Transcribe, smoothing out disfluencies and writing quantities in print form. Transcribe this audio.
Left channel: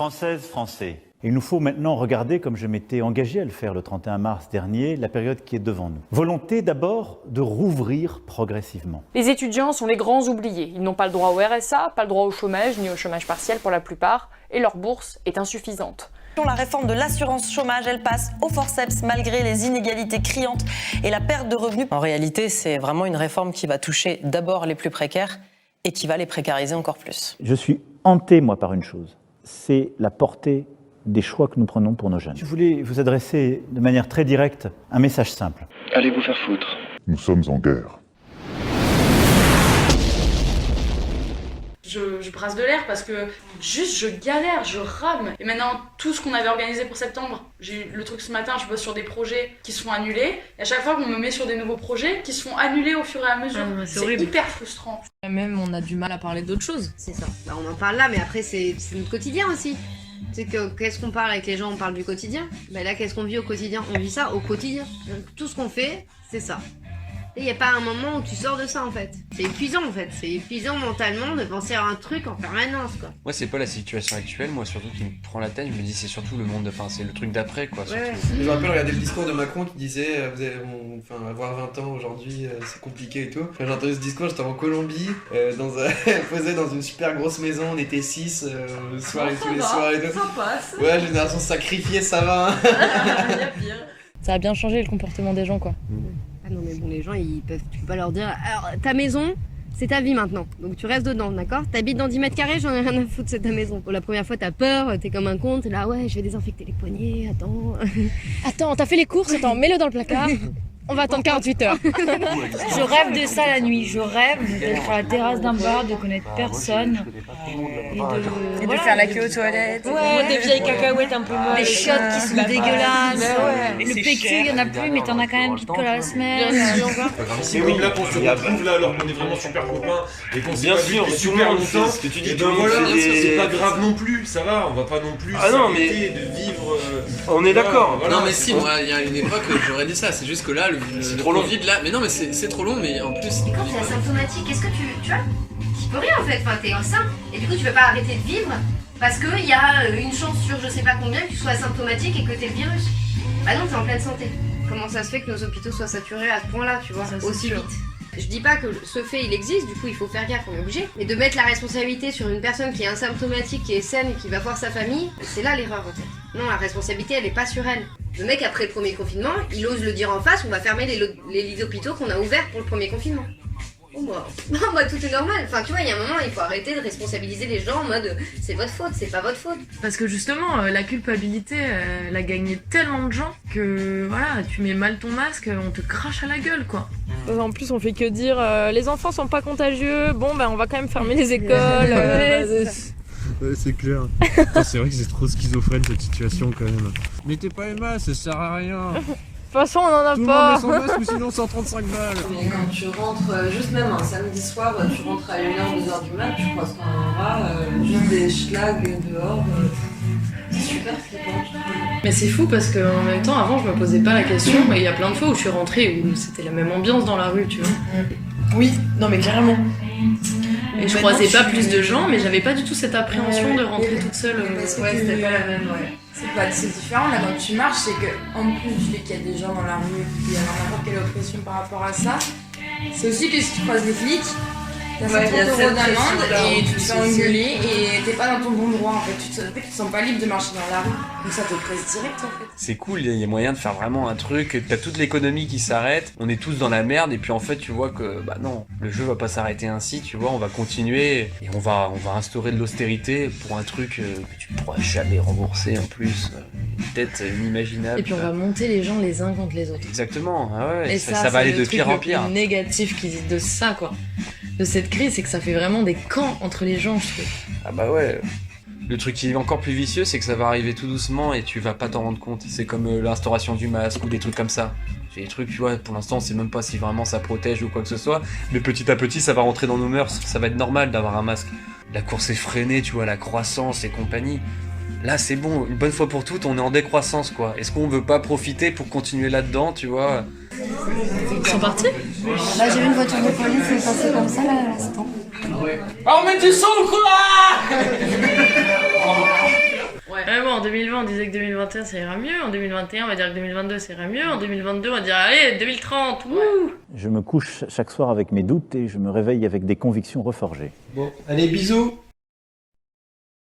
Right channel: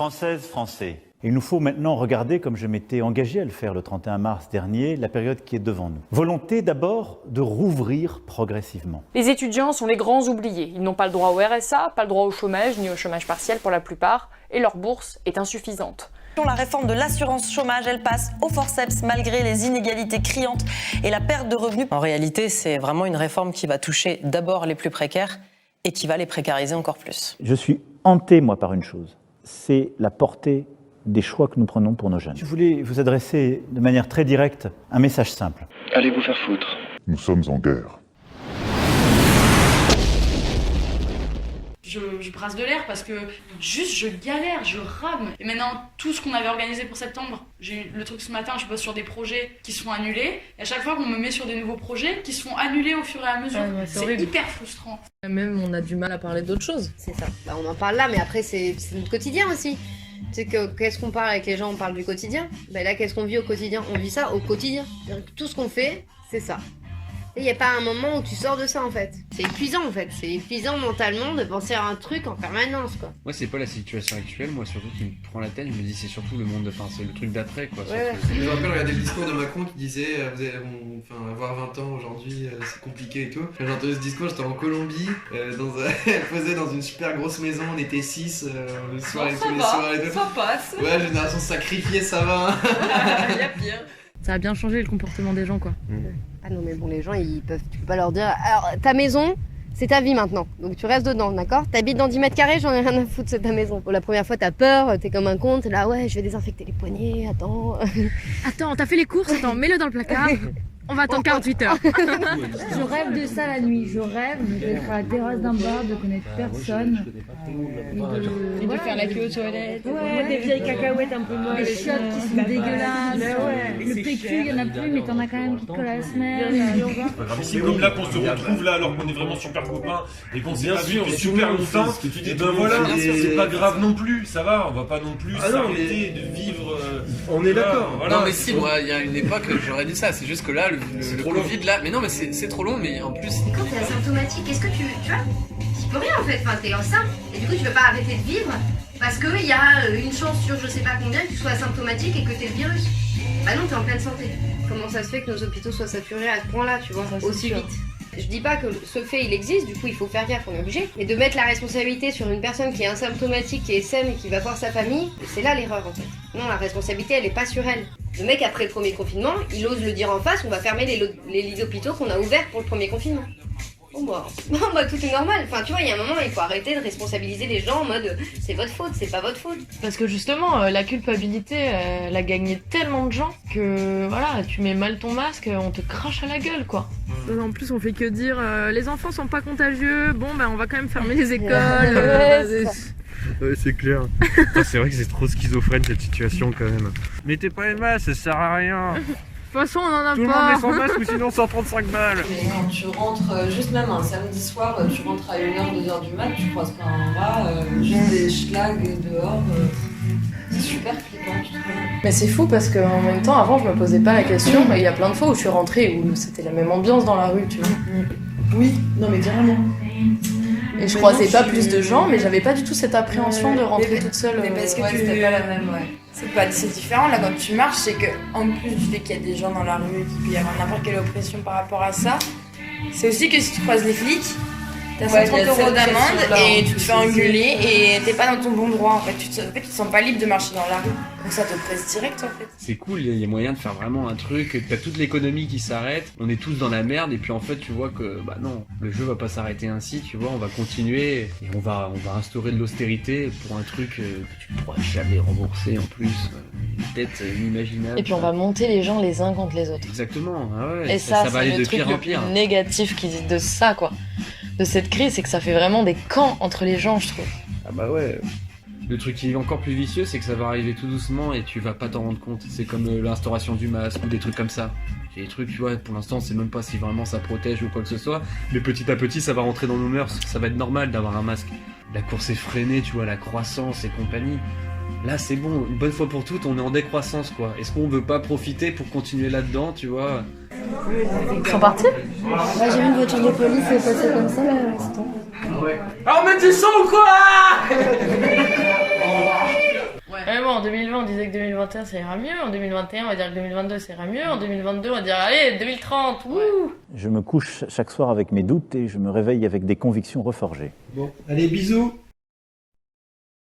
Françaises, Français, il nous faut maintenant regarder, comme je m'étais engagé à le faire le 31 mars dernier, la période qui est devant nous. Volonté d'abord de rouvrir progressivement. Les étudiants sont les grands oubliés. Ils n'ont pas le droit au RSA, pas le droit au chômage, ni au chômage partiel pour la plupart, et leur bourse est insuffisante. La réforme de l'assurance chômage, elle passe au forceps malgré les inégalités criantes et la perte de revenus. En réalité, c'est vraiment une réforme qui va toucher d'abord les plus précaires et qui va les précariser encore plus. Je suis hanté, moi, par une chose, c'est la portée des choix que nous prenons pour nos jeunes. Je voulais vous adresser de manière très directe un message simple. Allez vous faire foutre. Nous sommes en guerre. Je brasse de l'air parce que juste je galère, je rame. Et maintenant, tout ce qu'on avait organisé pour septembre, j'ai eu le truc ce matin, je bosse sur des projets qui se font annuler. Et à chaque fois qu'on me met sur des nouveaux projets qui se font annuler au fur et à mesure. C'est hyper frustrant. Même on a du mal à parler d'autres choses. C'est ça. Bah, on en parle là, mais après c'est notre quotidien aussi. Tu sais qu'est-ce qu'on parle avec les gens, on parle du quotidien. Bah là, qu'est-ce qu'on vit au quotidien? On vit ça au quotidien. Donc tout ce qu'on fait, c'est ça. Il n'y a pas un moment où tu sors de ça en fait. C'est épuisant en fait. C'est épuisant mentalement de penser à un truc en permanence quoi. Moi c'est pas la situation actuelle, moi surtout qui me prend la tête, je me dis c'est surtout le monde, enfin c'est le truc d'après quoi. Ouais. Je me rappelle regarder le discours de Macron qui disait avoir 20 ans aujourd'hui c'est compliqué et tout. Quand j'ai entendu ce discours j'étais en Colombie, elle posait dans une super grosse maison, on était 6 le soir et tous les soirs et tout. Ça passe. Ouais, génération sacrifiée ça va hein. Il y a pire. Ça a bien changé le comportement des gens quoi. Ah non mais bon les gens tu peux pas leur dire alors ta maison c'est ta vie maintenant donc tu restes dedans d'accord, t'habites dans 10 mètres carrés j'en ai rien à foutre c'est ta maison. Pour la première fois t'as peur, t'es comme un con, t'es là ouais je vais désinfecter les poignets, Attends, t'as fait les courses? Attends, mets-le dans le placard. On va attendre 48 heures. Je rêve de ça la nuit, je rêve d'être à la terrasse d'un bar, de connaître personne Et de faire la queue aux toilettes. Ouais, des vieilles cacahuètes un peu moins. Les chiottes qui sont dégueulasses. Le PQ, il y en a plus, mais t'en as quand même qui te collent à la semaine. C'est comme là qu'on se retrouve là alors qu'on est vraiment super copains et qu'on s'est pas vu depuis super longtemps. Et ben voilà, c'est pas grave non plus, ça va, on va pas non plus s'arrêter de vivre. On est d'accord. Voilà. Non mais si, moi il y a une époque j'aurais dit ça, c'est juste que là c'est trop long vide là. Mais non mais c'est trop long mais en plus. Mais quand t'es asymptomatique, est-ce que tu vois, tu peux rien en fait, enfin t'es enceinte et du coup tu peux pas arrêter de vivre parce qu'il y a une chance sur je sais pas combien que tu sois asymptomatique et que t'aies le virus. Bah non, t'es en pleine santé. Comment ça se fait que nos hôpitaux soient saturés à ce point-là, tu vois, aussi vite? Je dis pas que ce fait il existe, du coup il faut faire gaffe, on est obligé. Mais de mettre la responsabilité sur une personne qui est asymptomatique, qui est saine et qui va voir sa famille, c'est là l'erreur en fait. Non, la responsabilité elle est pas sur elle. Le mec après le premier confinement, il ose le dire en face, on va fermer les lits d'hôpitaux qu'on a ouverts pour le premier confinement. Oh bah tout est normal. Enfin tu vois, il y a un moment il faut arrêter de responsabiliser les gens en mode c'est votre faute, c'est pas votre faute. Parce que justement, la culpabilité, elle a gagné tellement de gens que voilà, tu mets mal ton masque, on te crache à la gueule quoi. En plus, on fait que dire les enfants sont pas contagieux, bon ben on va quand même fermer les écoles. Ouais, c'est clair. C'est vrai que c'est trop schizophrène cette situation quand même. Mettez pas les masques, ça sert à rien. De toute façon, on en a Tout pas. le monde met son masque ou sinon 135 balles. Quand tu rentres, juste même un samedi soir, tu rentres à 1h, 2h du mat, tu croises pas un rat, juste des schlags dehors. C'est super flippant, je trouve. Mais c'est fou parce qu'en même temps, avant, je me posais pas la question. Il y a plein de fois où je suis rentrée où c'était la même ambiance dans la rue, tu vois. Oui, non mais carrément. Et je croisais pas plus de gens, mais j'avais pas du tout cette appréhension de rentrer toute seule. Mais parce que c'était pas la même, C'est différent là quand tu marches, c'est que en plus du fait qu'il y a des gens dans la rue qui peut y avoir n'importe quelle oppression par rapport à ça, c'est aussi que si tu croises les flics, t'as 50 € d'amende et tu te fais engueuler et t'es pas dans ton bon droit en fait. Tu te sens pas libre de marcher dans la rue. Donc ça te presse direct en fait. C'est cool, il y a moyen de faire vraiment un truc, t'as toute l'économie qui s'arrête, on est tous dans la merde et puis en fait tu vois que bah non, le jeu va pas s'arrêter ainsi, tu vois, on va continuer et on va instaurer de l'austérité pour un truc que tu pourras jamais rembourser en plus, peut-être inimaginable. Et puis on va monter les gens les uns contre les autres. Exactement, ah ouais, et ça va aller de pire en le pire. plus négatif de ça quoi, de cette crise, c'est que ça fait vraiment des camps entre les gens je trouve. Ah bah ouais. Le truc qui est encore plus vicieux, c'est que ça va arriver tout doucement et tu vas pas t'en rendre compte. C'est comme l'instauration du masque ou des trucs comme ça. C'est des trucs, tu vois, pour l'instant, on sait même pas si vraiment ça protège ou quoi que ce soit. Mais petit à petit, ça va rentrer dans nos mœurs. Ça va être normal d'avoir un masque. La course effrénée, tu vois, la croissance et compagnie. Là, c'est bon, une bonne fois pour toutes, on est en décroissance, quoi. Est-ce qu'on veut pas profiter pour continuer là-dedans, tu vois? Ils sont partis? J'ai vu une voiture de police passer comme ça là à l'instant. Ah mais tu sens ou quoi? Ouais, bon, en 2020, on disait que 2021 ça ira mieux. En 2021, on va dire que 2022 ça ira mieux. En 2022, on va dire allez, 2030, wouh. Je me couche chaque soir avec mes doutes et je me réveille avec des convictions reforgées. Bon, allez, bisous.